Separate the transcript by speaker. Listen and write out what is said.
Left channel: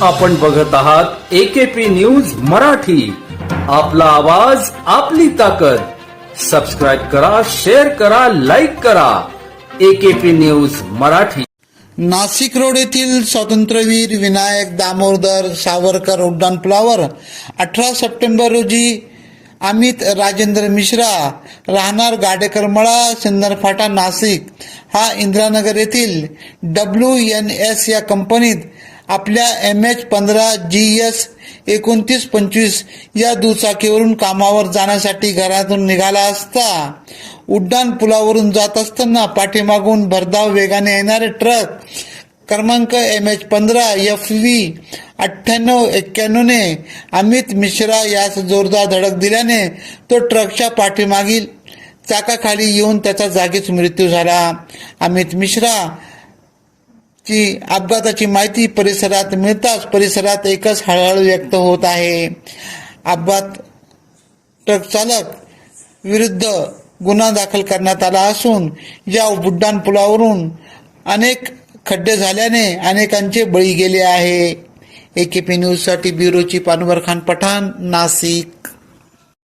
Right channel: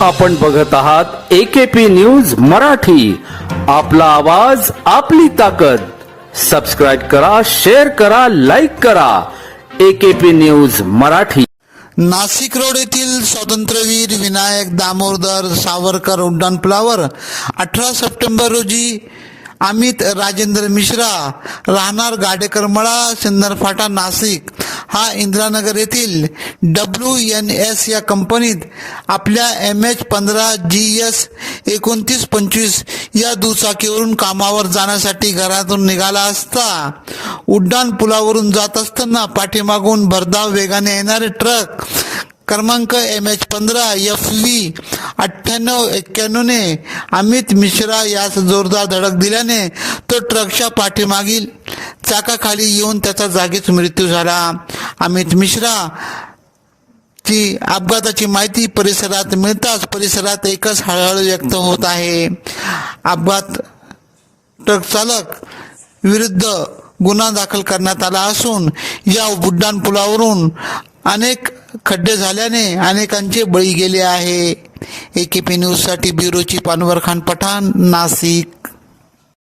Speaker 1: आपण बघत आहात एकेपी न्यूज मराठी. आपला आवाज आपली ताकद. सबस्क्राईब करा शेअर करा लाईक करा. AKP news Marathi.
Speaker 2: Nashik road येथील स्वातंत्र्यवीर विनायक दामोदर सावरकर उड्डाणपुलावर अठरा सप्टेंबर रोजी अमित राजेंद्र मिश्रा राहणार गाडेकरमळा सिन्नर फाटा नाशिक हा इंदिरानगर येथील डब्ल्यू एन एस या कंपनीत आपल्या एम एच पंधरा जी एस एकोणतीस पंचवीस या दुचाकीवरून कामावर जाण्यासाठी घरातून निघाला असता उड्डाण पुलावरून जात असताना पाठीमागून भरधाव वेगाने येणारे ट्रक क्रमांक एम एच पंधरा एफ व्ही अठ्ठ्याण्णव एक्क्याण्णवने अमित मिश्रा यास जोरदार धडक दिल्याने तो ट्रकच्या पाठीमागील चाकाखाली येऊन त्याचा जागीच मृत्यू झाला. अमित मिश्रा ची अपघाताची माहिती परिसरात मिळताच परिसरात एकच हळहळ व्यक्त होत आहे. अपघात ट्रक चालक विरुद्ध गुन्हा दाखल करण्यात आला असून या बुड्डाण पुलावरून अनेक खड्डे झाल्याने अनेकांचे बळी गेले आहे. एकेपी न्यूजसाठी ब्युरोची पानवर खान पठाण नाशिक.